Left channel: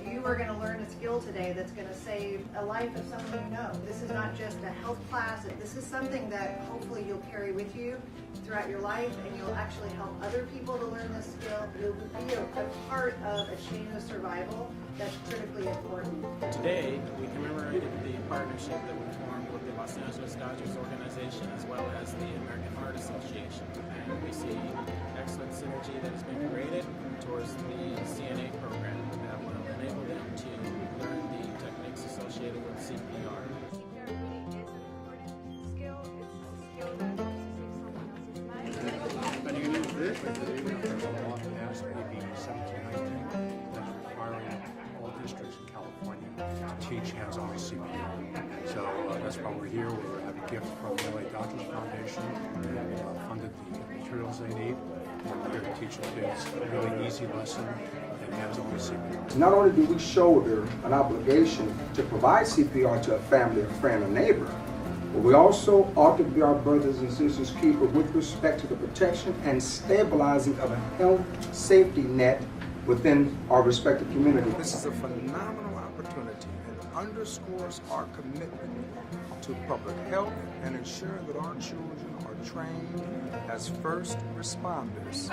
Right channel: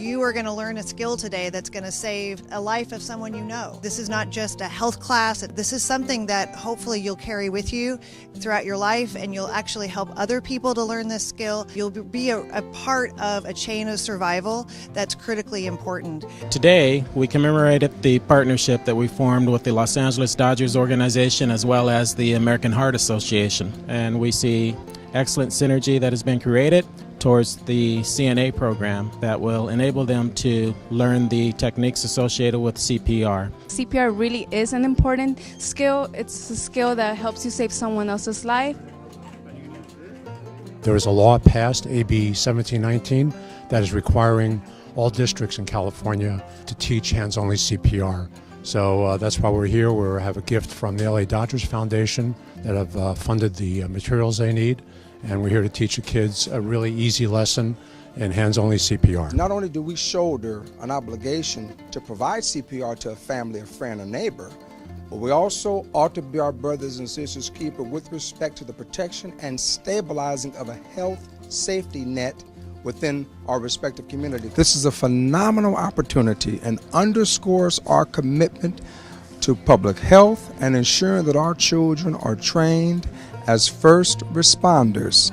You are going to learn a skill today that's going to save a life of someone you know. This is not just a health class. This is something that hopefully you'll carry with you throughout your life, and you'll actually help other people to learn this skill. You'll be a part of a chain of survival that's critically important. Today, we commemorated the partnership that we formed with the Los Angeles Dodgers organization as well as the American Heart Association. And we see excellent synergy that has been created towards the CNA program that will enable them to learn the techniques associated with CPR. CPR really is an important skill. It's a skill that helps you save someone else's life. There is a law passed, AB 1719, that is requiring all districts in California to teach hands-only CPR. So that's why we're here. We have a gift from the LA Dodgers Foundation that have funded the materials they need. And we're here to teach the kids a really easy lesson in hands-only CPR. Not only do we shoulder an obligation to provide CPR to a family, a friend, a neighbor, but we also ought to be our brothers and sisters' keeper with respect to the protection and stabilizing of a health safety net within our respective communities. This is a phenomenal opportunity and underscores our commitment to public health and ensuring that our children are trained as first responders.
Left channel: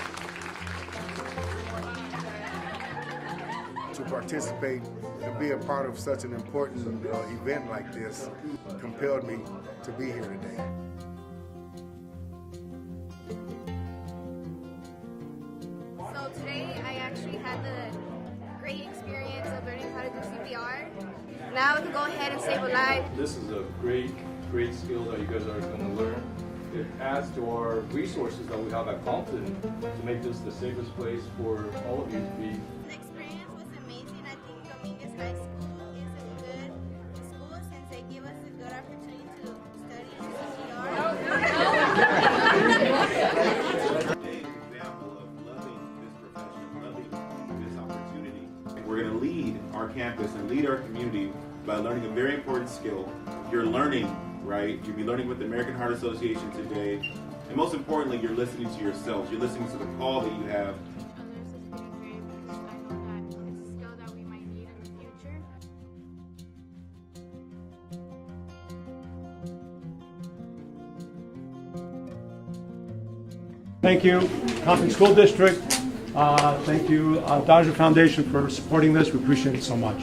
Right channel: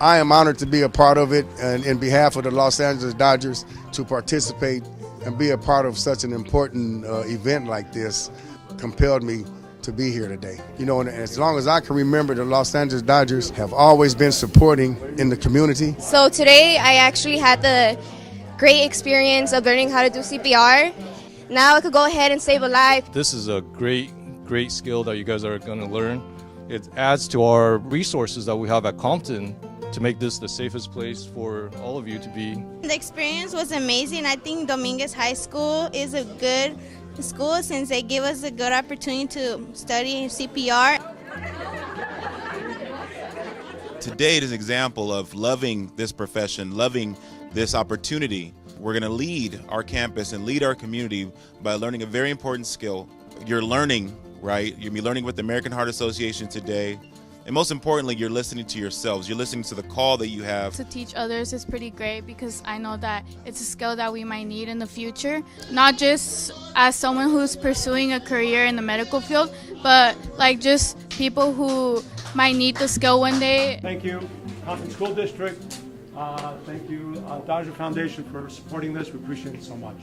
I am honored to be a part of it, and in behalf of the Los Angeles Dodgers, to participate and be a part of such an important event like this compelled me to be here today. You know, and as long as I can remember, the Los Angeles Dodgers have always been supporting in the community. So today I actually had the great experience of learning how to do CPR. Now I could go ahead and save a life. This is a great skill that you guys are going to learn. It adds to our resources that we have at Compton to make this the safest place for all of you to be. The experience was amazing. I think Dominguez High School is a good school since they give us a good opportunity to study CPR. Today is an example of loving this profession, loving this opportunity. We're going to lead our campus and lead our community by learning a very important skill. You're learning, right? You'll be learning with the American Heart Association today. And most importantly, you're listening to yourselves. You're listening to the call that you have. To teach others is pretty great because I know that it's a skill that we might need in the future. Not just as someone who's pursuing a career in the medical field, but like just people who might need the skill one day. Thank you, Compton School District. Thank you, Dodger Foundation, for supporting this. We appreciate it so much.